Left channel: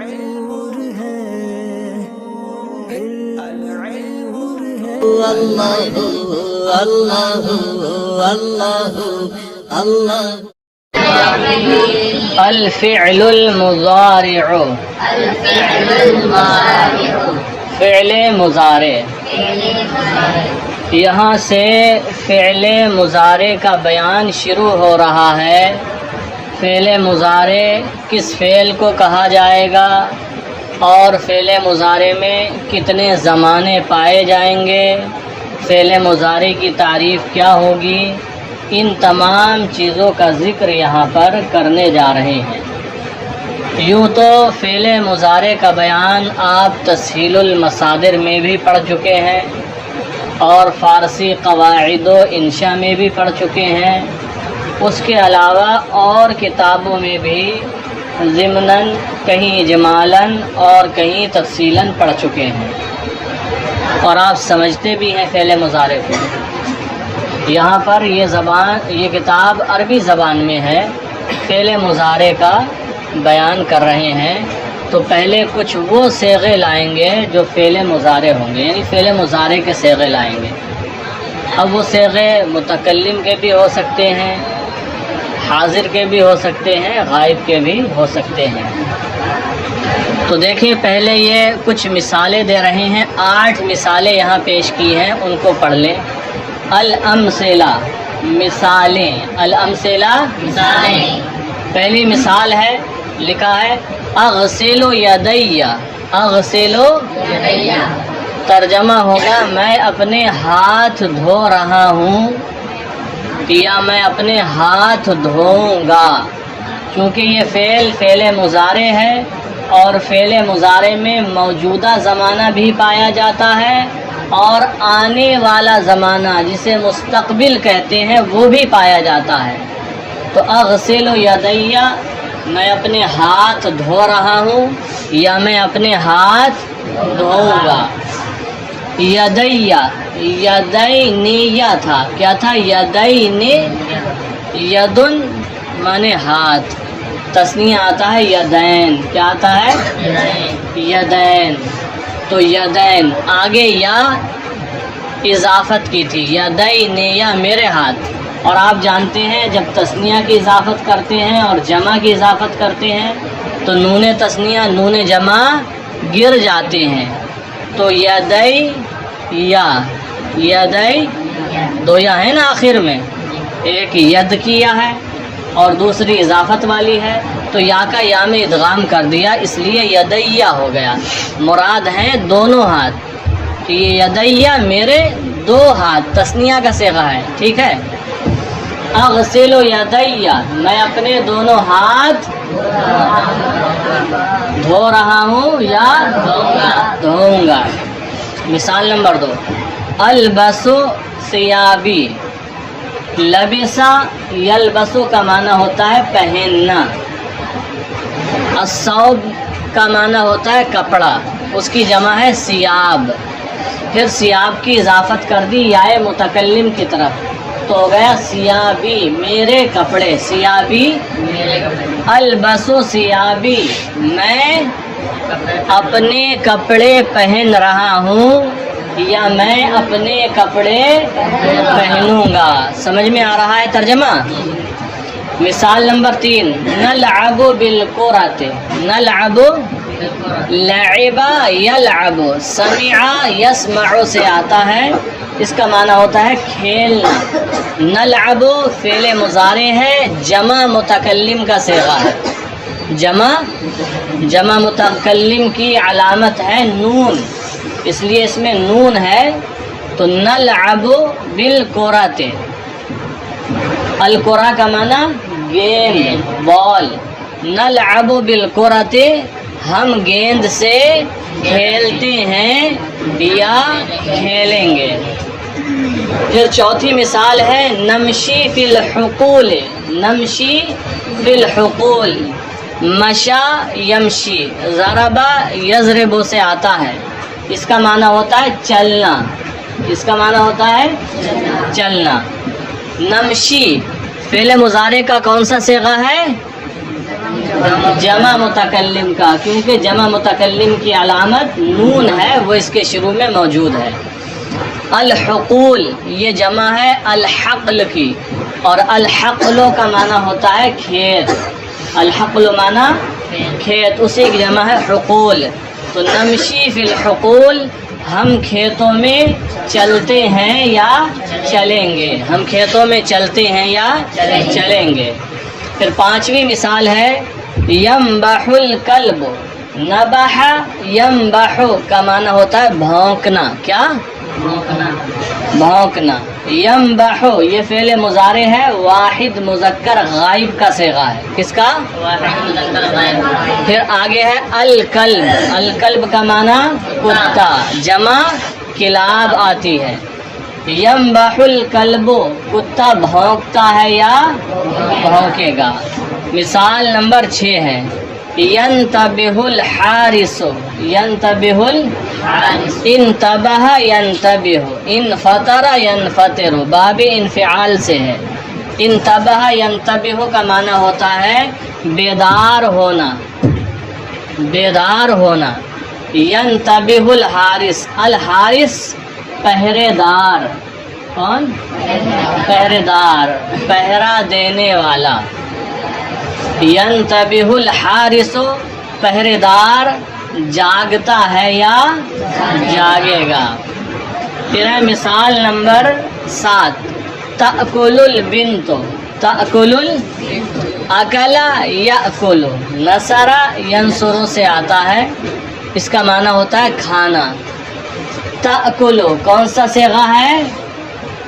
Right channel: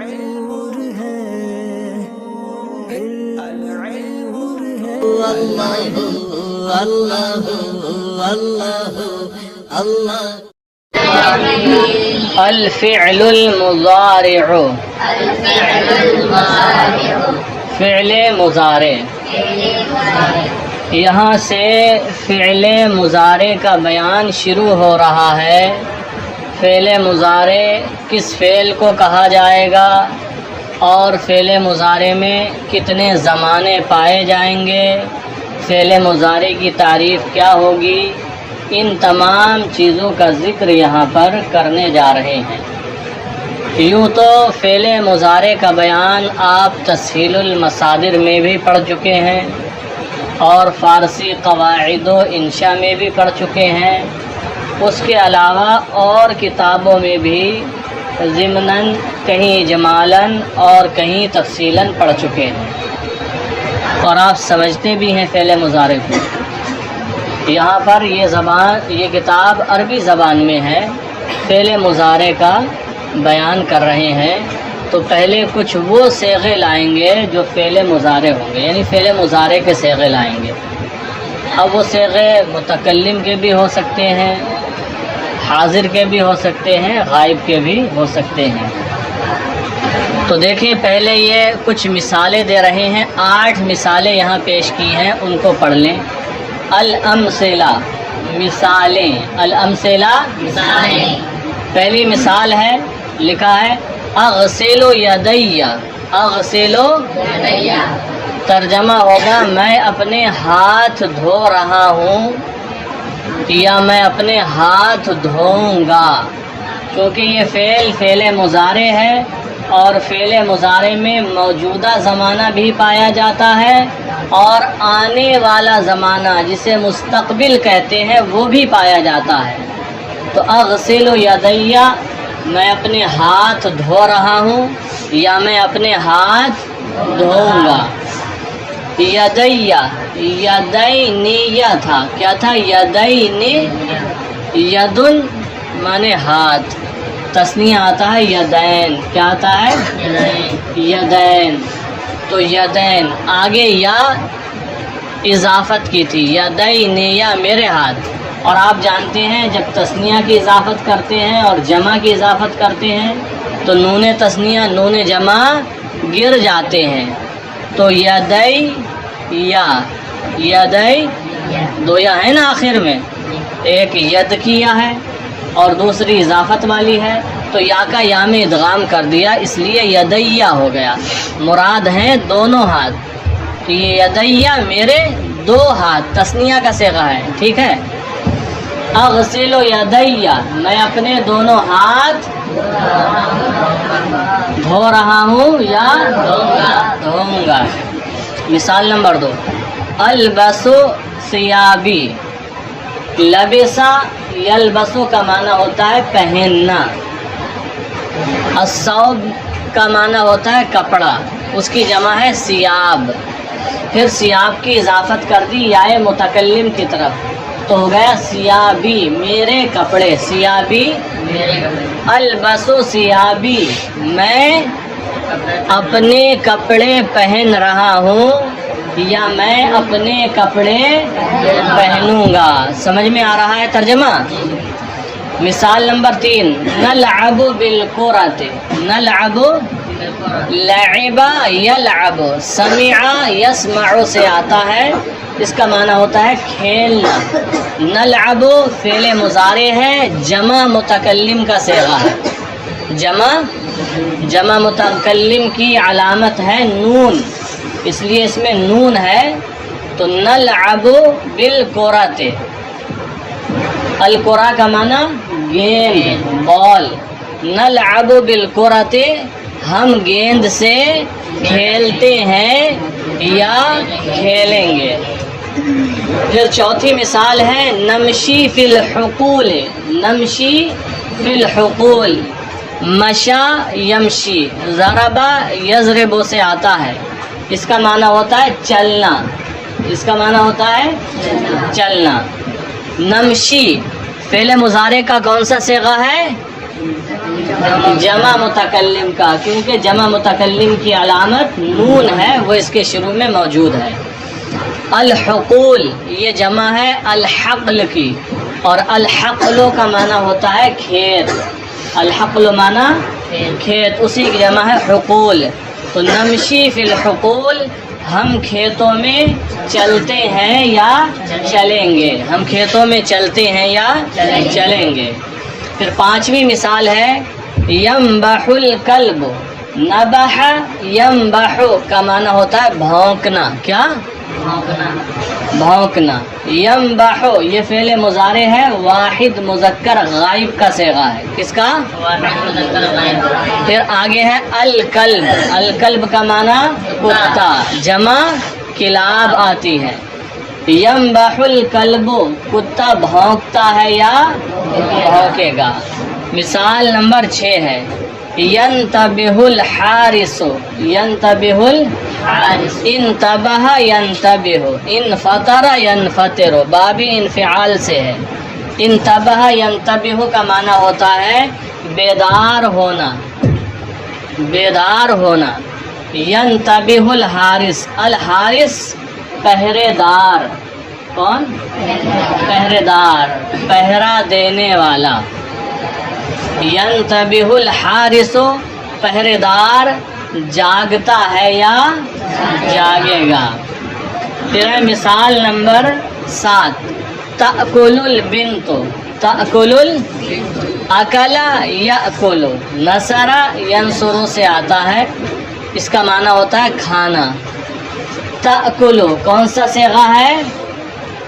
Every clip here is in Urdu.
نور ہے اللہ اللہ اللہ اللہ الفعل المضارع فعل مضارع، یہاں سے فعل مضارع کا بیان شروع ہو رہا ہے۔ فعل مضارع کس فعل کو کہا جائے گا اور فعل مضارع میں کتنے زمانے پائے جائیں گے، فعل مضارع کی تعریف کیا ہوگی، ان تمام چیزوں کا ذکر یہاں پر کرنے جا رہے ہیں۔ یوں تو فعل مضارع کا بیان آپ تسہیل المصادر میں بھی پڑھ چکے ہیں اور فارسی قواعد و انشاء میں بھی پڑھ چکے ہیں، اس کے علاوہ اور کتابوں میں بھی ضمناً کہیں اجمالاً اور کہیں تفصیلاً پڑھ چکے ہیں اور آپ سمجھتے بھی ہیں فعل مضارع کو۔ یہاں پر یہ کتاب عربی زبان میں ہے، فعل مضارع کا بیان کر رہے ہیں، تو پہلے کچھ وہ صیغے لائیں گے جو فعل مضارع ہوں گے، یعنی فعل مضارع کے صیغے لائیں گے۔ اب وہ صیغے متکلم کے بھی ہو سکتے ہیں، حاضر کے بھی ہو سکتے ہیں، غائب کے بھی ہو سکتے ہیں۔ تو دیکھیں پہلے یہ کچھ مثالیں دے رہے ہیں، 8 مثالیں یہاں پیش کی ہیں، ان کو پڑھ لیں۔ الامثلہ مثالیں، الامثلہ مثالیں۔ پہلی مثال ہے، لکھا ہے اغسل یدی، اغسل یدی، ترجمہ ہوگا میں اپنے ہاتھ دھو رہا ہوں یا میں اپنے ہاتھ دھوؤں گا۔ چونکہ یہ فعل مضارع ہے اور فعل مضارع میں موجودہ زمانہ بھی پایا جاتا ہے اور آنے والا زمانہ جسے مستقبل کہتے ہیں وہ بھی پایا جاتا ہے۔ تو اغسل یدی، میں اپنے ہاتھ دھو رہا ہوں یا میں اپنے ہاتھ دھوؤں گا۔ یدی، یدینی تھا، کیا تھا؟ یدینی، یدن مانے ہاتھ، تثنیہ آتا ہے یدین، کیا آتا ہے؟ یدین۔ تو یدین آگے یا اضافت کی تھی، یدینی یا میرے ہاتھ، اور آپ جانتے ہیں جب تثنیہ کی اضافت کرتے ہیں اور جمع کی اضافت کرتے ہیں تو نون تثنیہ نون جمع گر جاتے ہیں۔ تو یدی یا، یدی دو یا ہے نا آخر میں، ایک ید کی یا ہے اور دوسری اضافت والی ہے، تو یا کا یا میں ادغام کر دیا، اس لیے یدیہ ہو گیا۔ مراد ہیں دونوں ہاتھ، کہ یہ یدیہ میرے 2 ہاتھ، تثنیہ کا صیغہ ہے، ٹھیک ہے۔ اغسل یدیہ، میں اپنے دونوں ہاتھ دھو رہا ہوں یا دھوؤں گا۔ مثال نمبر 2، البسو ثیابی، لبسا یلبسو کا معنی ہوتا ہے پہننا، الثوب کا معنی ہوتا ہے کپڑا، اس کی جمع ہے ثیاب، پھر ثیاب کی اضافت کر دی یائے متکلم کی طرف تو ہو گیا ثیابی، میرے کپڑے، ثیابی میرے کپڑے۔ البسو ثیابی، میں اپنے کپڑے پہن رہا ہوں یا میں اپنے کپڑے پہنوں گا۔ سمجھ میں آ رہا ہے ترجمہ؟ مثال نمبر 3، نلعب بالکرۃ، نلعب، لعب یلعب، سمع یسمع سے آتا ہے، اس کا معنی ہوتا ہے کھیلنا۔ نلعب فعل مضارع ہے، جمع متکلم کا صیغہ ہے، جمع متکلم کی علامت ہے نون، اس لیے اس میں نون ہے۔ تو نلعب بالکرۃ، الکرہ کا معنی گیند، بال، نلعب بالکرۃ، ہم گیند سے کھیلتے ہیں یا کھیلیں گے۔ پھر چوتھی مثال ہے نمشی فی الحقول، نمشی فی الحقول، مشا یمشی، ضربا یضرب سے آتا ہے، اس کا معنی ہوتا ہے چلنا، اس کا معنی ہوتا ہے چلنا۔ نمشی فعل مضارع کا کون سا صیغہ ہے؟ جمع متکلم کا، کیونکہ جمع متکلم کی علامت نون ہے، وہ اس کے شروع میں موجود ہے۔ الحقول یہ جمع ہے الحقل کی، اور الحقل کا معنی ہوتا ہے کھیت، الحقل معنی کھیت، اسی کی جمع ہے حقول۔ تو نمشی فی الحقول، ہم کھیتوں میں چلتے ہیں یا چلیں گے، ہم کھیتوں میں چلتے ہیں یا چلیں گے۔ پھر پانچویں مثال ہے ینبح الکلب، نبح ینبح کا معنی ہوتا ہے بھونکنا، کیا؟ بھونکنا۔ ینبح یہ فعل مضارع ہے، واحد مذکر غائب کا صیغہ ہے، کس کا؟ واحد مذکر غائب۔ پھر آگے ہے الکلب، الکلب کا معنی کتا، جمع کلاب آتی ہے۔ ینبح الکلب کتا بھونکتا ہے یا بھونکے گا۔ مثال نمبر 6 ہے ینتبہ الحارس، ینتبہ الحارس، انتبہ ینتبہ، انفطر ینفطر، باب انفعال سے ہے۔ انتبہ ینتبہ کا معنی ہوتا ہے بیدار ہونا، بیدار ہونا۔ ینتبہ الحارس، الحارس پہرے دار، کون؟ پہرے دار، پہرا دینے والا۔ ینتبہ الحارس پہرے دار جاگتا ہے یا جاگے گا۔ پھر مثال نمبر 7 تأکل البنت، تأکل اکل یأکل، نصر ینصر سے آتا ہے، اس کا معنی ہوتا ہے کھانا۔ تأکل کون سا صیغہ ہے؟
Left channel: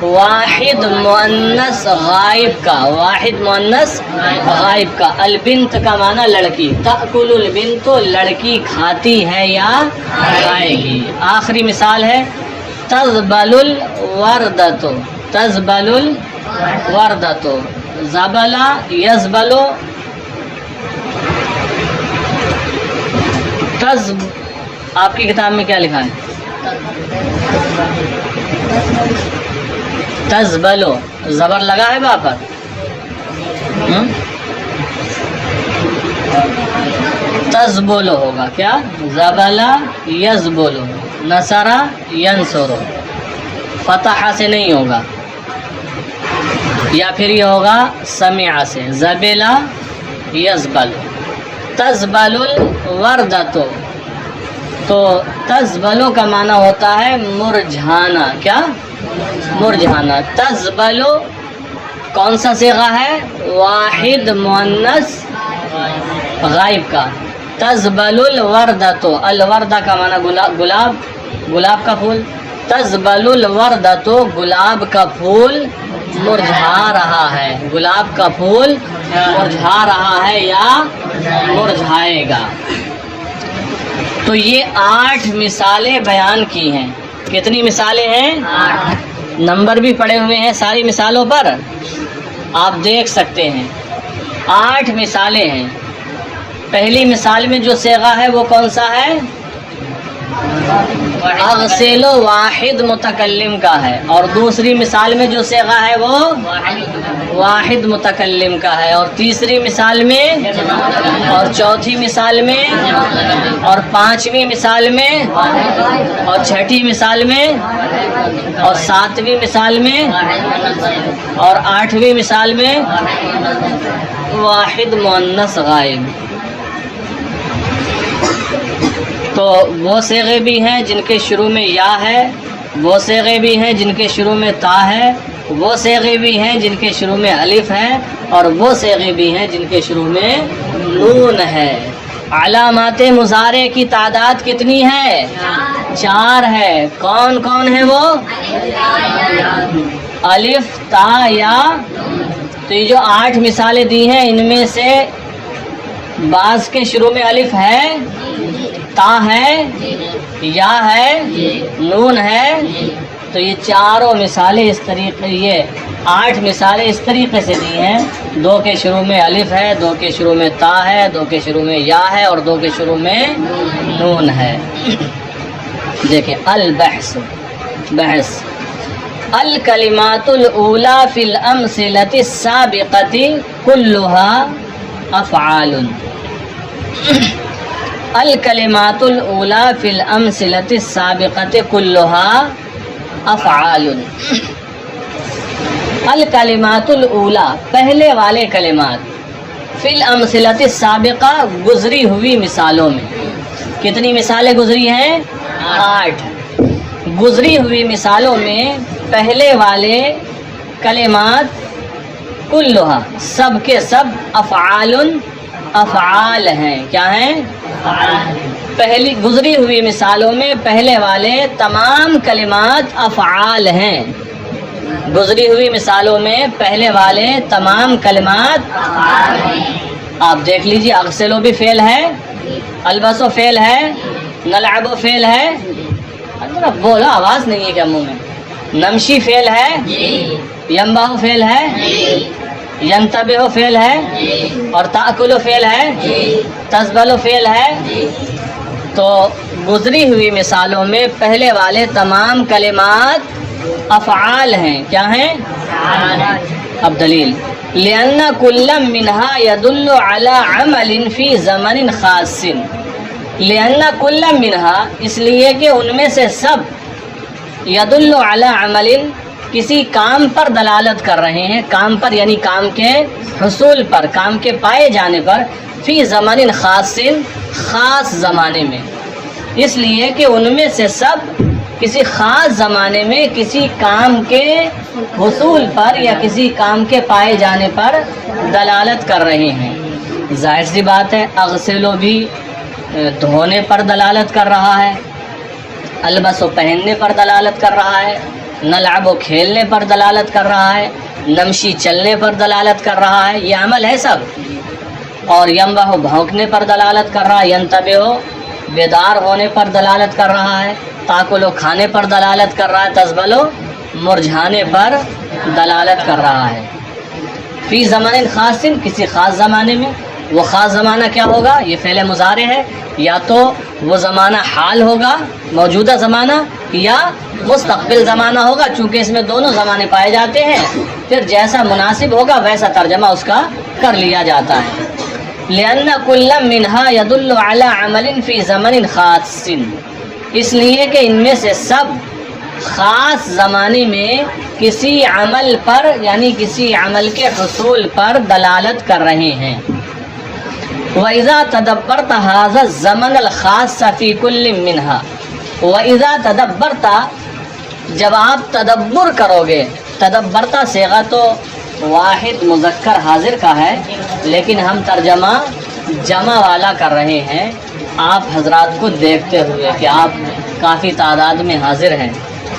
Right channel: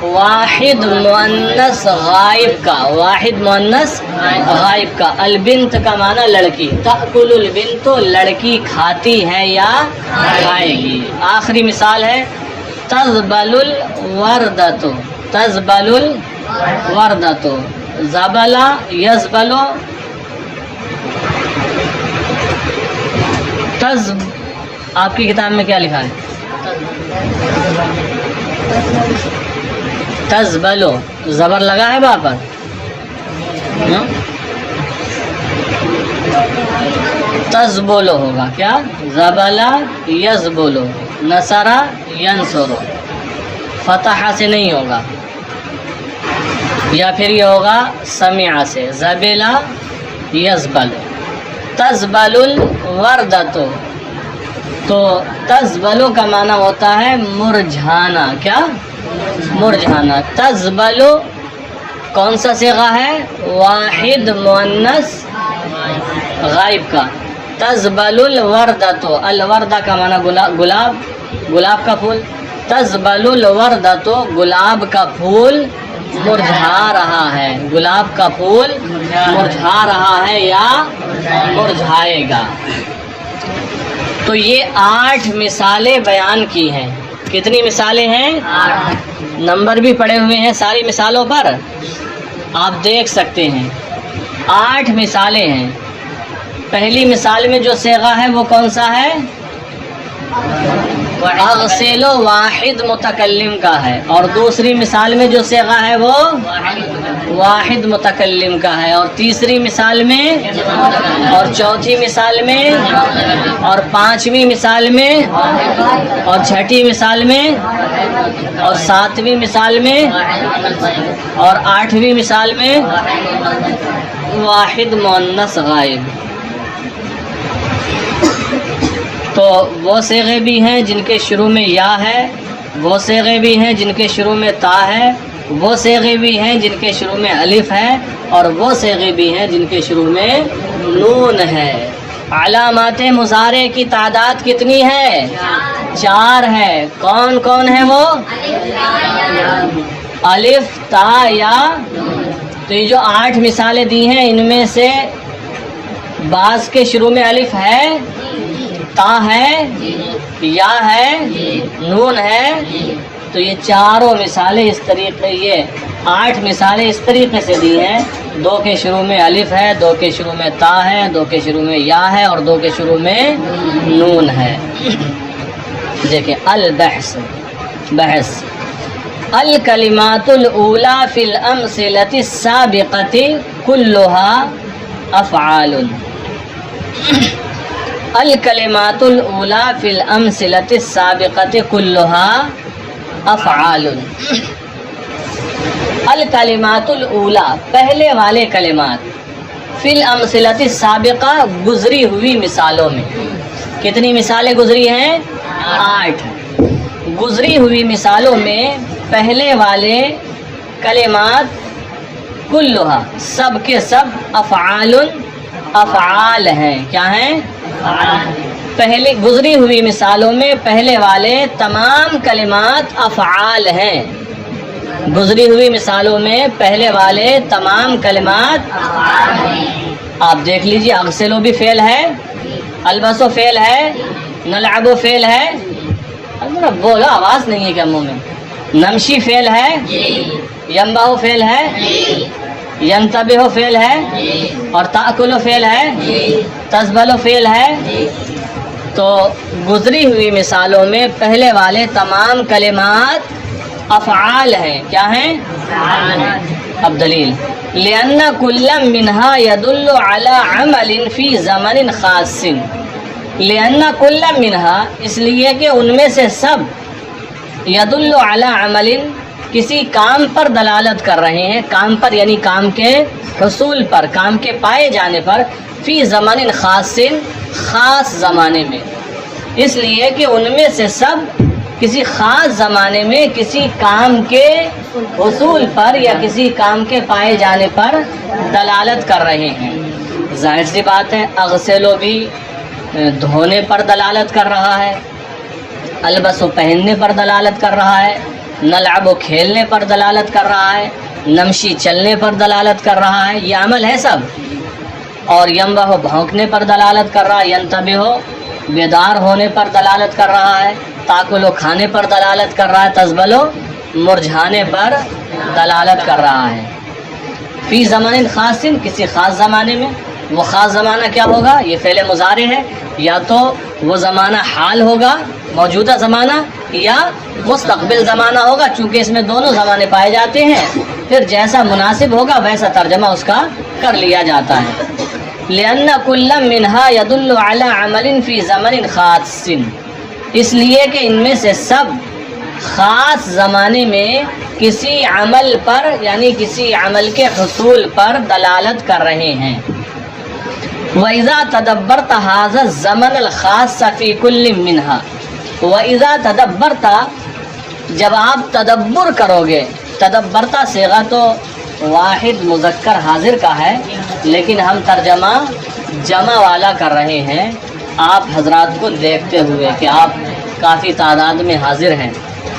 واحد مؤنث غائب کا، واحد مؤنث غائب کا۔ البنت کا معنی لڑکی، تأکل البنت لڑکی کھاتی ہے یا کھائے گی۔ آخری مثال ہے تزبل الوردۃ، تزبل الوردۃ، زبل یزبل، آپ کی کتاب میں کیا لکھا ہے؟ تزبلو، زبر لگا ہے وہاں پر؟ تزبلو ہوگا کیا؟ زبلا یزبلو، نصرا ینصرو، فتح سے نہیں ہوگا، یا پھر یہ ہوگا سمع سے، زبلا یزبل۔ تزبل الوردۃ، تو تزبلو کا معنی ہوتا ہے مرجھانا، کیا؟ مرجھانا۔ تزبلو کون سا صیغہ ہے؟ واحد مؤنث غائب کا۔ تزبل الوردۃ، الوردہ کا معنی گلاب، گلاب کا پھول۔ تزبل الوردۃ گلاب کا پھول مرجھا رہا ہے، گلاب کا پھول مرجھا رہا ہے یا مرجھائے گا۔ تو یہ 8 مثالیں بیان کی ہیں۔ کتنی مثالیں ہیں؟ 8۔ نمبر بھی پڑے ہوئے ہیں ساری مثالوں پر، آپ دیکھ سکتے ہیں۔ 8 مثالیں ہیں۔ پہلی مثال میں جو صیغہ ہے وہ کون سا ہے؟ اغسل واحد متکلم کا ہے، اور دوسری مثال میں جو صیغہ ہے وہ واحد متکلم کا ہے، اور تیسری مثال میں، اور چوتھی مثال میں، اور پانچویں مثال میں، اور چھٹی مثال میں، اور ساتویں مثال میں، اور آٹھویں مثال میں واحد مؤنث غائب۔ تو وہ صیغے بھی ہیں جن کے شروع میں یا ہے، وہ صیغے بھی ہیں جن کے شروع میں تا ہے، وہ صیغے بھی ہیں جن کے شروع میں الف ہے، اور وہ صیغے بھی ہیں جن کے شروع میں نون ہے۔ علامات مضارع کی تعداد کتنی ہے؟ 4 ہے۔ کون کون ہے وہ؟ الف، تا، یا۔ تو یہ جو 8 مثالیں دی ہیں ان میں سے بعض کے شروع میں الف ہے، تا ہے، یا ہے، نون ہے۔ تو یہ چاروں مثالیں اس طریقے، یہ 8 مثالیں اس طریقے سے دی ہیں۔ 2 کے شروع میں الف ہے، 2 کے شروع میں تا ہے، 2 کے شروع میں یا ہے، اور 2 کے شروع میں نون ہے۔ دیکھیں البحث، بحث۔ الکلمات الاولی فی الامثلۃ السابقۃ کلھا افعال۔ الکلمات الاولی فی الامثلۃ السابقۃ کلھا افعال. الکلمات الاولی پہلے والے کلمات، فی الامثلۃ السابقہ گزری ہوئی مثالوں میں. کتنی مثالیں گزری ہیں؟ 8. گزری ہوئی مثالوں میں پہلے والے کلمات کلھا سب کے سب افعال ہیں. کیا ہیں؟ پہلی گزری ہوئی مثالوں میں پہلے والے تمام کلمات افعال ہیں. گزری ہوئی مثالوں میں پہلے والے تمام کلمات آپ دیکھ لیجیے. اغسلو بھی فعل ہے، البسو فعل ہے، نلعبو فعل ہے. بولو، آواز نہیں ہے کیا منہ میں؟ نمشی فعل ہے، ینبحو فعل ہے، ینتبہو فعل ہے، اور تأکلو فعل ہے، تزبلو فعل ہے. تو گزری ہوئی مثالوں میں پہلے والے تمام کلمات افعال ہیں. کیا ہیں؟ اب دلیل. لأن كل منها يدل على عمل في زمن خاص. لأن كل منها اس لیے کہ ان میں سے سب يدل على عمل کسی کام پر دلالت کر رہے ہیں. کام پر یعنی کام کے حصول پر، کام کے پائے جانے پر. فی زمن خاص خاص زمانے میں، اس لیے کہ ان میں سے سب کسی خاص زمانے میں کسی کام کے حصول پر یا کسی کام کے پائے جانے پر دلالت کر رہے ہیں. ظاہر سی بات ہے اغسلو بھی دھونے پر دلالت کر رہا ہے، البسو پہننے پر دلالت کر رہا ہے، نلعبو کھیلنے پر دلالت کر رہا ہے، نمشی چلنے پر دلالت کر رہا ہے. یہ عمل ہے سب. اور ینبحو بھونکنے پر دلالت کر رہا ہے، ینتبہو بیدار ہونے پر دلالت کر رہا ہے، تاکلو کھانے پر دلالت کر رہا ہے، تزبلو مرجھانے پر دلالت کر رہا ہے. فی زمن خاص کسی خاص زمانے میں. وہ خاص زمانہ کیا ہوگا؟ یہ فعل مضارع ہے. یا تو وہ زمانہ حال ہوگا، موجودہ زمانہ، یا مستقبل زمانہ ہوگا. چونکہ اس میں دونوں زمانے پائے جاتے ہیں، پھر جیسا مناسب ہوگا ویسا ترجمہ اس کا کر لیا جاتا ہے. لأن كل منها يدل على عمل في زمن خاص. اس لیے کہ ان میں سے سب خاص زمانے میں کسی عمل پر یعنی کسی عمل کے حصول پر دلالت کر رہے ہیں. وَإِذَا تَدَبَّرْتَ هَذَا الزَّمَنَ الْخَاصَّ فِي كُلٍّ مِّنْهَا. وَإِذَا تَدَبَّرْتَ جب آپ تدبر کرو گے. تدبرتا صیغہ تو واحد مذکر حاضر کا ہے، لیکن ہم ترجمہ جمع والا کر رہے ہیں آپ حضرات کو دیکھتے ہوئے کہ آپ کافی تعداد میں حاضر ہیں.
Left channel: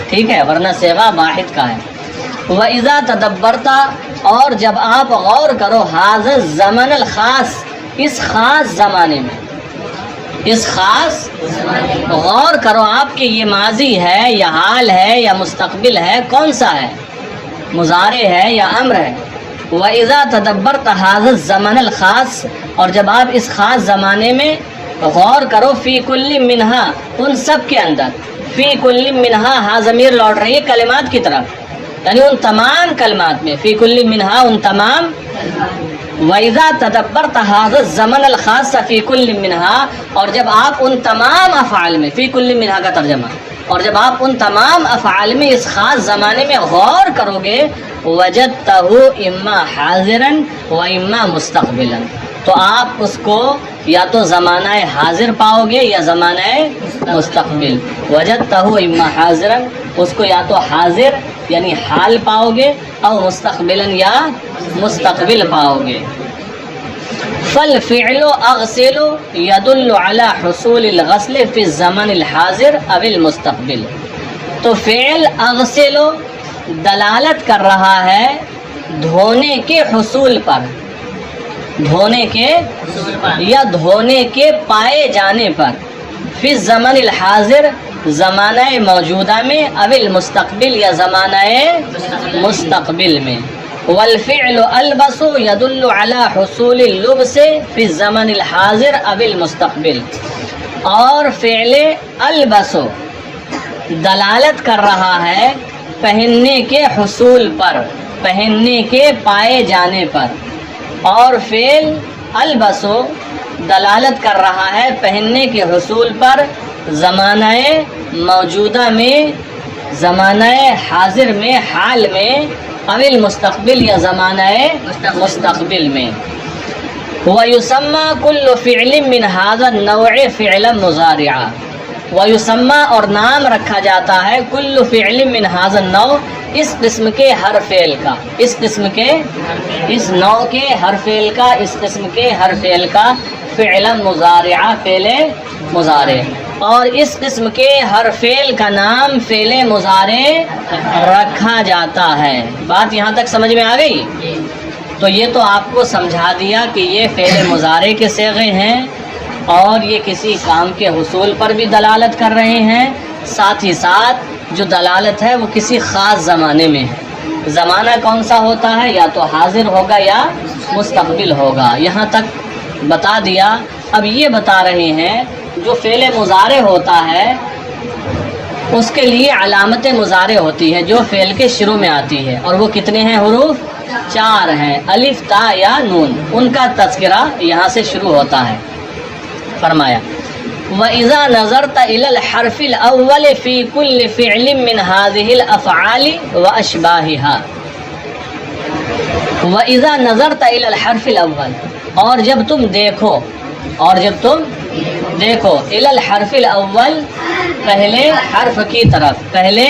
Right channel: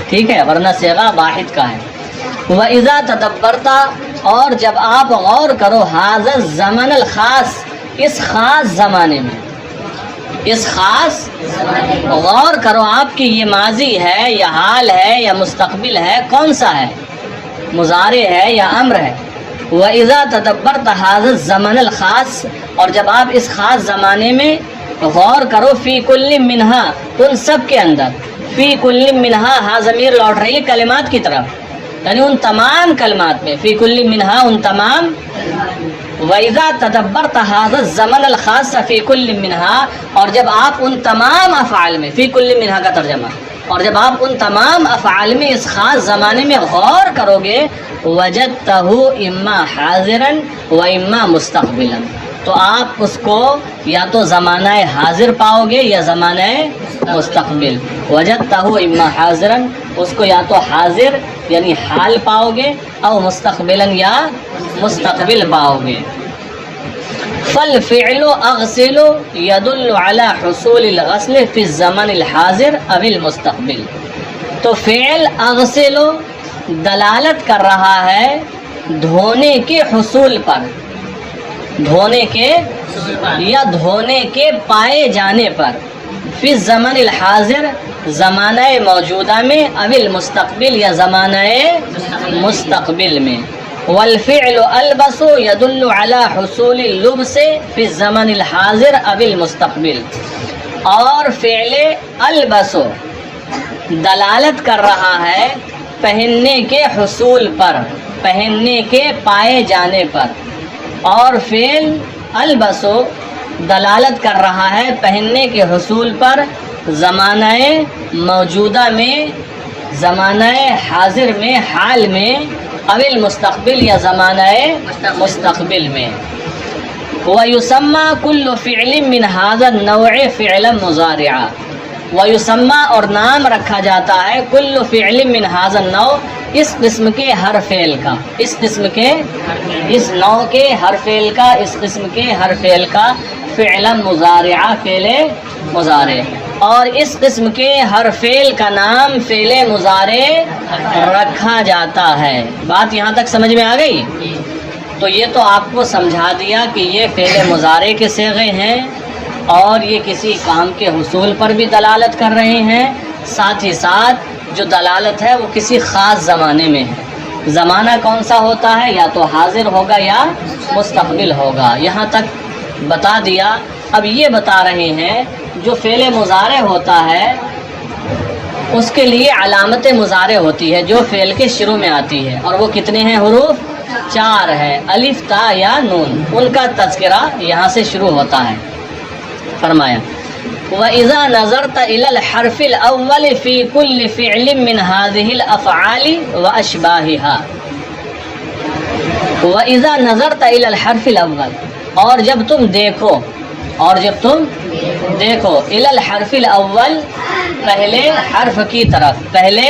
ٹھیک ہے، ورنہ صیغہ واحد کا ہے. وَإِذَا تَدَبَّرْتَ اور جب آپ غور کرو هَذَا الزَّمَنَ الْخَاص اس خاص زمانے میں، اس خاص غور کرو آپ کہ یہ ماضی ہے یا حال ہے یا مستقبل ہے، کون سا ہے؟ مضارع ہے یا امر ہے؟ وَإِذَا تَدَبَّرْتَ هَذَا الزَّمَنَ الْخَاص اور جب آپ اس خاص زمانے میں غور کرو. فی کل منہا ان سب کے اندر. فی کل منہا ہا ضمیر لوٹ رہی ہے کلمات کی طرف، یعنی ان تمام کلمات میں. فی کل منہا ان تمام. وَإِذَا تَدَبَّرْتَ هَذَا الزَّمَنَ الْخَاصَّ فِي كُلٍّ مِّنْهَا اور جب آپ ان تمام افعال میں، فی کل منہا کا ترجمہ، اور جب آپ ان تمام افعال میں اس خاص زمانے میں غور کرو گے. وَجَدْتَهُ إِمَّا حَاضِرًا وَإِمَّا مُسْتَقْبِلًا تو آپ اس کو یا تو زمانہ حاضر پاؤ گے یا زمانہ مستقبل. وَجَدْتَهُ إِمَّا حَاضِرًا اس کو یا تو حاضر یعنی حال پاؤ گے، او مستقبلا یا مستقبل پاؤ گے. فالفعل اغسل يدل على حصول الغسل في الزمن الحاضر او المستقبل تو فعل اغسل دلالت کر رہا ہے دھونے کے حصول پر، دھونے کے یا دھونے کے پائے جانے پر. فی الزمن الحاضر زمانہ موجودہ میں، او المستقبل یا زمانہ مستقبل میں. والفعل البس يدل على حصول اللبس في الزمن الحاضر او المستقبل اور فعل البس دلالت کر رہا ہے پہننے کے حصول پر، پہننے کے پائے جانے پر. اور فعل البس دلالت کر رہا ہے پہننے کے حصول پر زمانہ موجودہ میں، زمانہ حاضر میں، حال میں، اوِل مستقبل یا زمانہ مستقبل میں۔ وَيُسَمَّى كُلُّ فِعْلٍ مِّنْ هَذَا النَّوْعِ فِعْلًا مُضَارِعًا، وَيُسَمَّى اور نام رکھا جاتا ہے كُلُّ فِعْلٍ مِّنْ هَذَا النَّوْعِ اس قسم کے ہر فعل کا، اس قسم کے، اس نوع کے ہر فعل کا، اس قسم کے ہر فعل کا فعلا مضارعہ فعل مضارع، اور اس قسم کے ہر فعل کا نام فعل مضارع رکھا جاتا ہے۔ بات یہاں تک سمجھ میں آ گئی؟ تو یہ تو آپ کو سمجھا دیا کہ یہ فعل مضارع کے صیغے ہیں اور یہ کسی کام کے حصول پر بھی دلالت کر رہے ہیں، ساتھ ہی ساتھ جو دلالت ہے وہ کسی خاص زمانے میں ہے۔ زمانہ کون سا ہوتا ہے؟ یا تو حاضر ہوگا یا مستقبل ہوگا۔ یہاں تک بتا دیا۔ اب یہ بتا رہے ہیں جو فعل مضارع ہوتا ہے اس کے لیے علامت مضارع ہوتی ہے جو فعل کے شروع میں آتی ہے، اور وہ کتنے ہیں حروف؟ 4 ہیں، الف، تا یا نون، ان کا تذکرہ یہاں سے شروع ہوتا ہے۔ فرمایا وَإِذَا نَظَرْتَ إِلَى الْحَرْفِ الْأَوَّلِ فِي كُلِّ فِعْلٍ مِّنْ هَذِهِ الْأَفْعَالِ وَأَشْبَاهِهَا، وَإِذَا نَظَرْتَ إِلَى الْحَرْفِ الْأَوَّلِ، اور جب تم دیکھو، اور جب تم دیکھو، إِلَى الْحَرْفِ الْأَوَّلِ پہلے حرف کی طرف، پہلے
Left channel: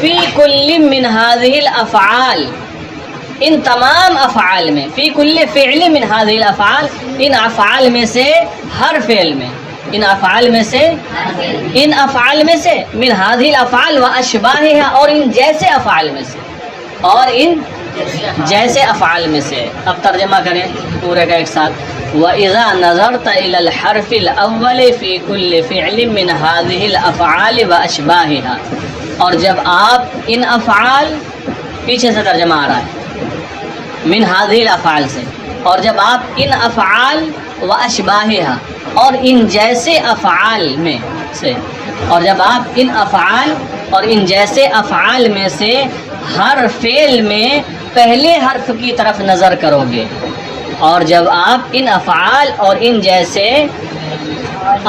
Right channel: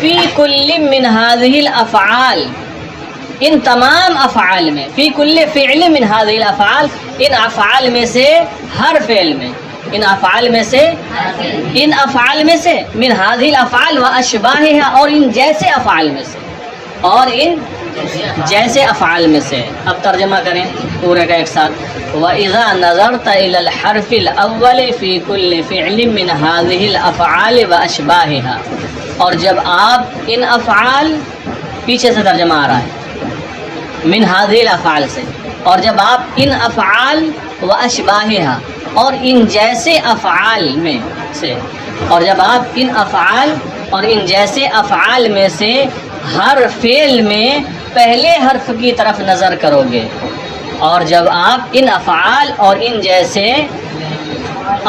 فِي كُلِّ مِّنْ هَذِهِ الْأَفْعَالِ ان تمام افعال میں، فی کل فعل من هذه الافعال ان افعال میں سے ہر فعل میں، ان افعال میں سے، ان افعال میں سے، من هذه الافعال واشباهها اور ان جیسے افعال میں سے، اور ان جیسے افعال میں سے۔ اب ترجمہ کریں پورے کا ایک ساتھ۔ وَإِذَا نَظَرْتَ إِلَى الْحَرْفِ الْأَوَّلِ فِي كُلِّ فِعْلٍ مِّنْ هَذِهِ الْأَفْعَالِ وَأَشْبَاهِهَا، اور جب آپ ان افعال، پیچھے سے ترجمہ آ رہا ہے من هذه الافعال سے، اور جب آپ ان افعال و اشباہها اور ان جیسے افعال میں سے، اور جب آپ ان افعال اور ان جیسے افعال میں سے ہر فعل میں پہلے حرف کی طرف نظر کرو گے، اور جب آپ ان افعال اور ان جیسے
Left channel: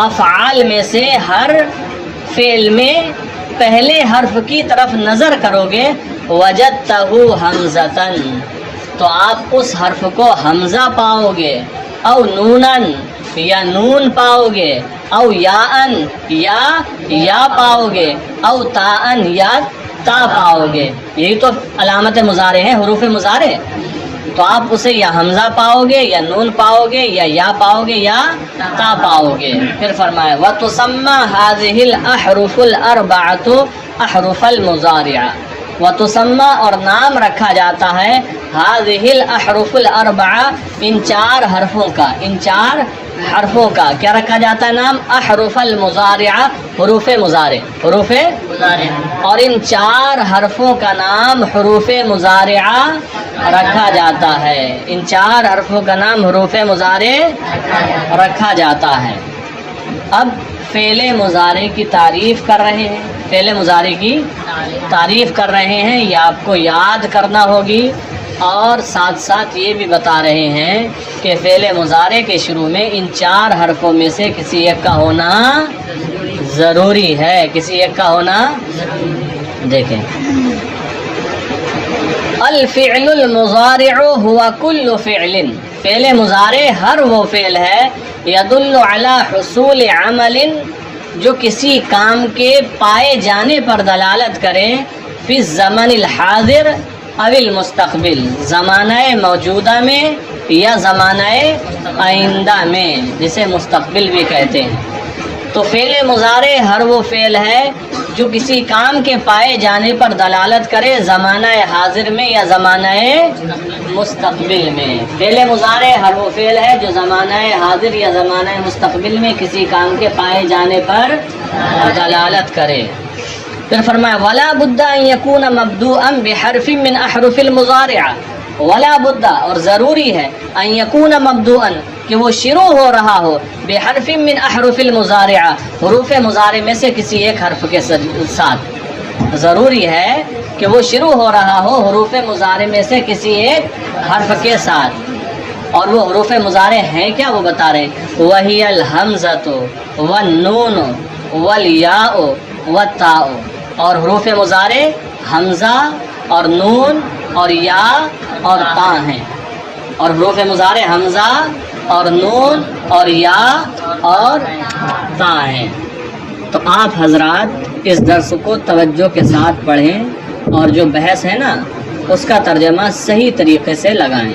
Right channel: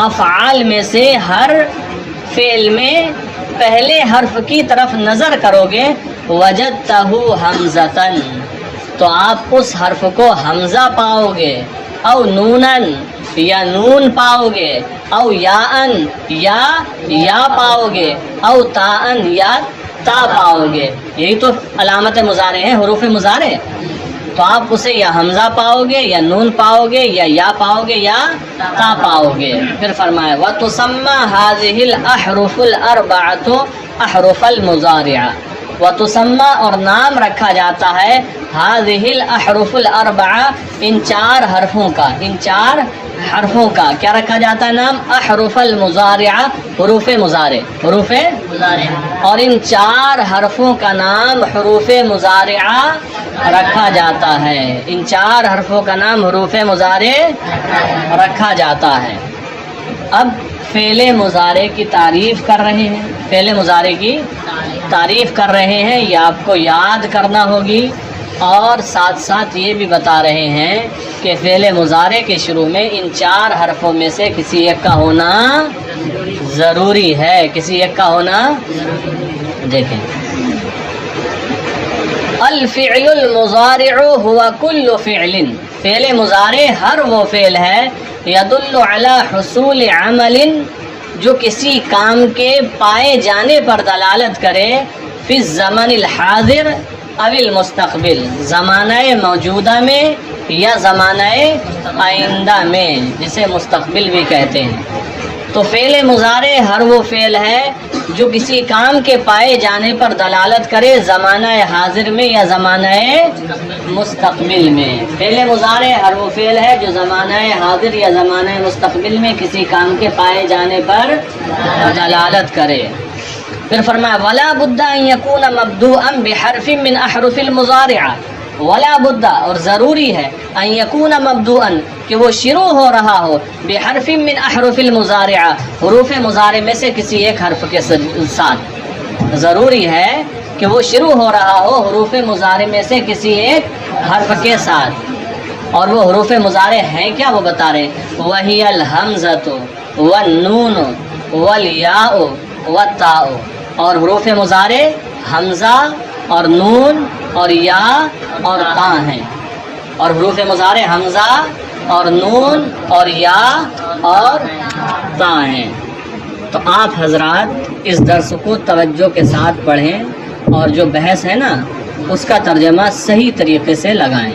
افعال میں سے ہر فعل میں پہلے حرف کی طرف نظر کرو گے، وجدتہ حمزۃ، تو آپ اس حرف کو حمزہ پاؤ گے، او نونن یا نون پاؤ گے، او یاءن یا پاؤ گے، او تاءن یا تا پاؤ گے۔ یہی تو علامت مضارع ہے، حروف مضارع۔ تو آپ اسے یا حمزہ پاؤ گے، یا نون پاؤ گے، یا پاؤ گے، یا تا پاؤ گے۔ پھر فرمایا وَتُسَمَّى هَذِهِ الْأَحْرُفُ الْأَرْبَعَةُ أَحْرُفَ الْمُضَارِعَ، وَتُسَمَّى اور نام رکھا جاتا ہے هَذِهِ الْأَحْرُفُ الْأَرْبَعَةُ ان 4 حرفوں کا، ان 4 حرفوں کا کیا رکھا جاتا ہے نام؟ احرف المضارع، حروف مضارع، حروف مضارع، اور ان 4 حرفوں کا نام حروف مضارعہ رکھا جاتا ہے، ان 4 حرفوں کا نام حروف مضارع رکھا جاتا ہے۔ اب فعل مضارع کی تعریف کر رہے ہیں، فعل مضارع کی تعریف کر رہے ہیں، یہ آپ کو یاد کرنا ہوگی، اور ساتھ ساتھ یہ بھی بتا رہے ہیں کہ فعل مضارع کے شروع میں ان 4 حرفوں میں سے کسی ایک کا ہونا ضروری ہے، کسی ایک کا ہونا۔ دیکھیں الفعل المضارع هو كل فعل، فعل مضارع ہر وہ فعل ہے يدل على حصول عمل جو کسی کام کے پائے جانے پر دلالت کرے، فی الزمن الحاضر او المستقبل، زمانہ موجودہ میں یا زمانہ آئندہ میں، جسے مستقبل بھی کہتے ہیں۔ تو فعل مضارع ہر وہ فعل ہے جو کسی کام کے پائے جانے پر دلالت کرے زمانہ حاضر میں یا زمانہ مستقبل میں۔ فعل مضارع ہر وہ فعل ہے جو زمانہ حاضر یا زمانہ مستقبل میں کسی کام کے پائے جانے پر دلالت کرے۔ پھر فرمایا ولا بد ان يكون مبدوءا بحرف من احرف المضارع، ولا بد اور ضروری ہے ان يكون مبدوءا کہ وہ شروع ہو رہا ہو، بحرف من احرف المضارع حروف مضارع میں سے کسی ایک حرف کے ساتھ، ضروری ہے کہ وہ شروع ہو رہا ہو حروف مضارع میں سے کسی ایک حرف کے ساتھ۔ اور وہ حروف مضارع ہیں کیا وہ بتا رہے ہیں، وہی الحمزۃ والنون والیاء والتاء، اور حروف مضارع حمزہ اور نون اور یا اور تا ہیں، اور حروف مضارع حمزہ اور نون اور یا اور تا ہیں۔ تو آپ حضرات اس درس کو توجہ کے ساتھ پڑھیں اور جو بحث ہے نا اس کا ترجمہ صحیح طریقے سے لگائیں۔